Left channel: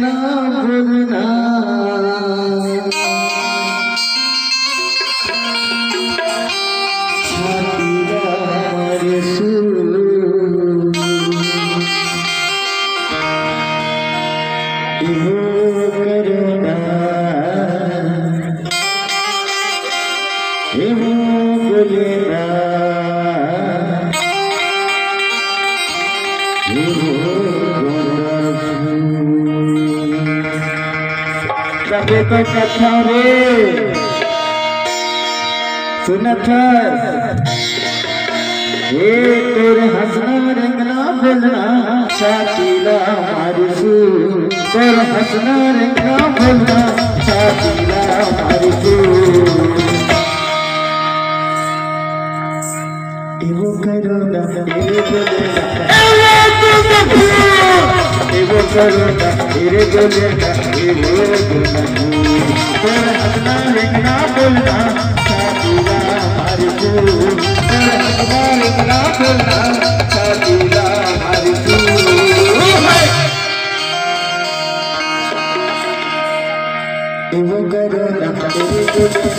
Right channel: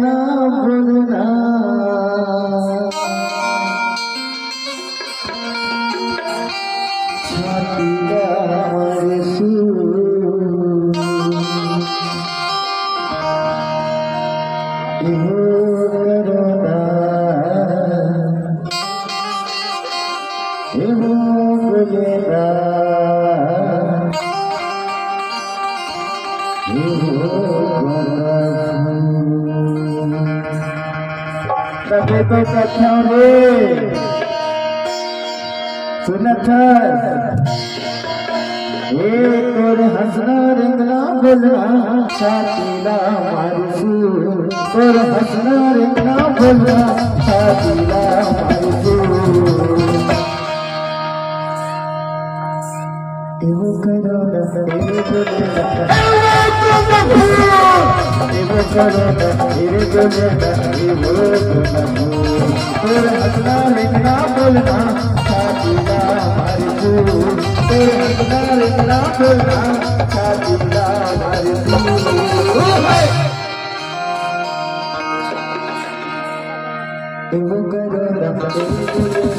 ना भूलना सुनत ये तेरे हंसना रंगना बोलना शातीला मारिसू तेरे हंसना रंगना बोलना शातीला मारिसू एवो करो ना तेरे गले एवो करो ना तेरे गले एवो तेरे हंसना रंगना बोलना शातीला मारिसू तेरे हंसना रंगना बोलना शातीला मारिसू एवो करो ना तेरे गले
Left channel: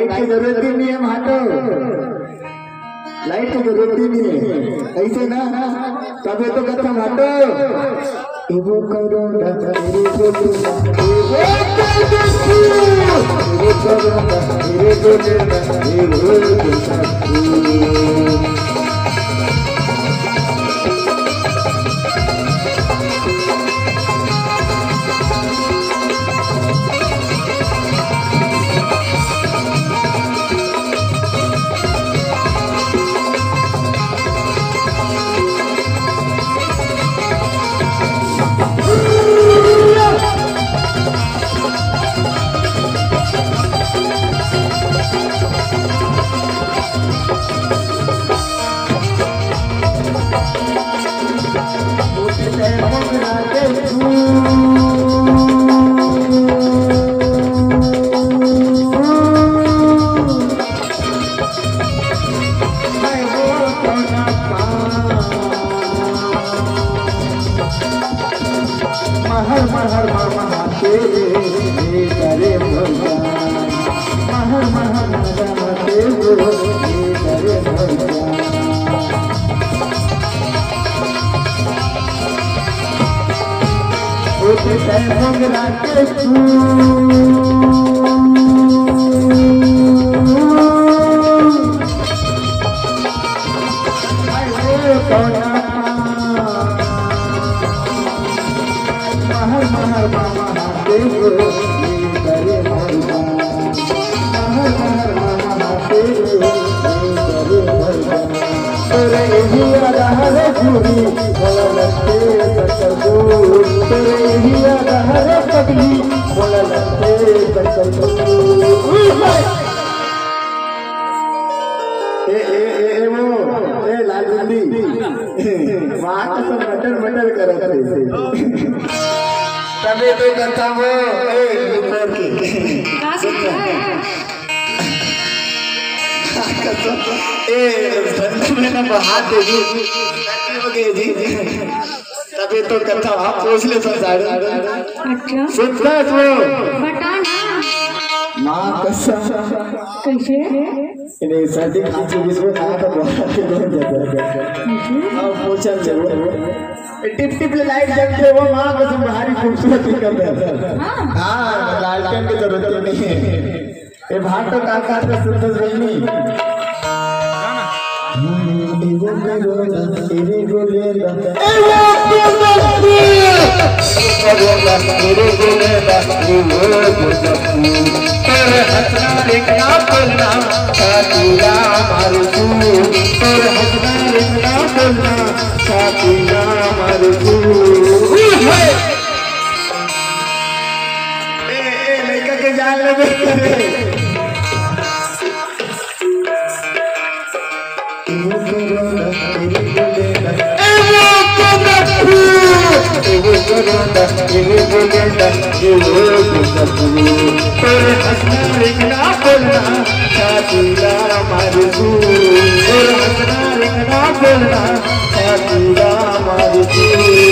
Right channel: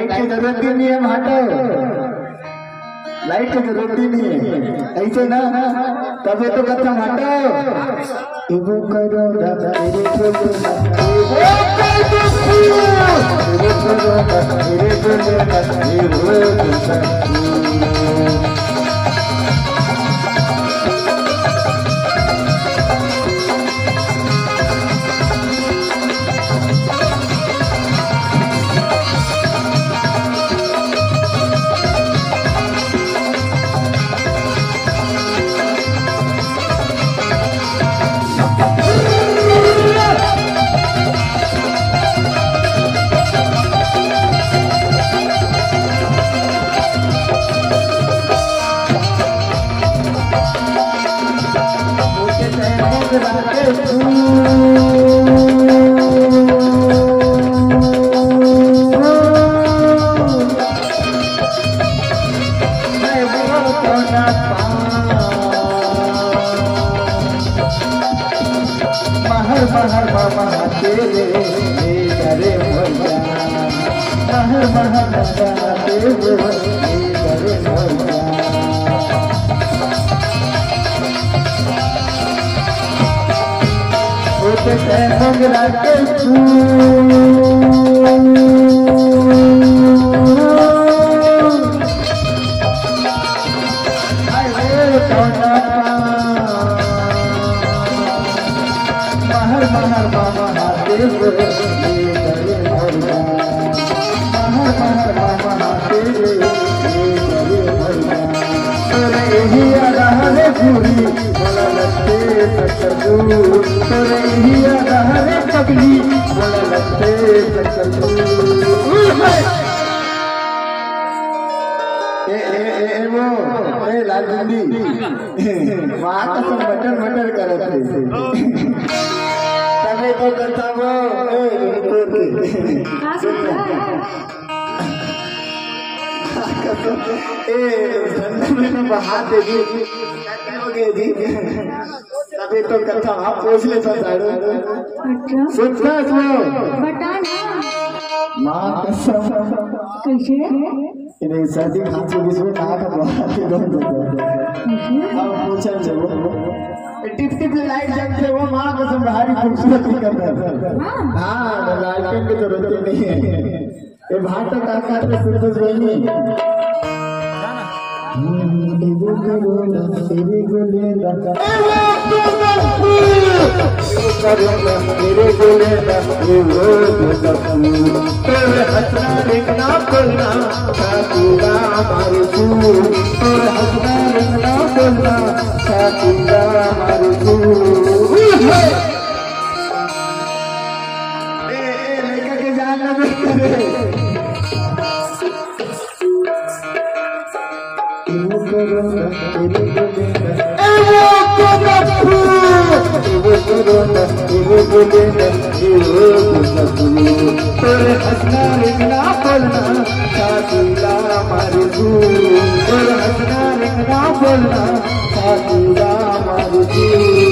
लाइट की जरूरत भी नहीं है हटो लाइट की जरूरत भी नहीं है ऐसे ना तबे तो खत्म हटो एवो करो ना तेरे गले एवो करो ना तेरे गले एवो मटर करते तभी तो करता वो हाथ दे जी तभी तो करता आप पूछ ले सब सुनता माँ कसम कैसे इन्हें सर्दी खांसी जिसमें कहा था बहुत के बन जाता है पूछा जरूर टिप टिप लाइट जलती है वो माँ कसम भारी खूबसूरत करता है हाँ लालटेन की जरूरत नहीं है ये भाग तो काका तो सुंदर रही एगो करोना तेरे गोलेला मेरे गोलेला तेरे हंसना देखना बोलना साथीरा मारू तू तेरे हंसना देखना बोलना साथीरा मारू तू लड़का के जान लगे तेरे हंसना लिखना बोलना साथीरा मारू तू तेरे हंसना लिखना बोलना साथीरा मारू तू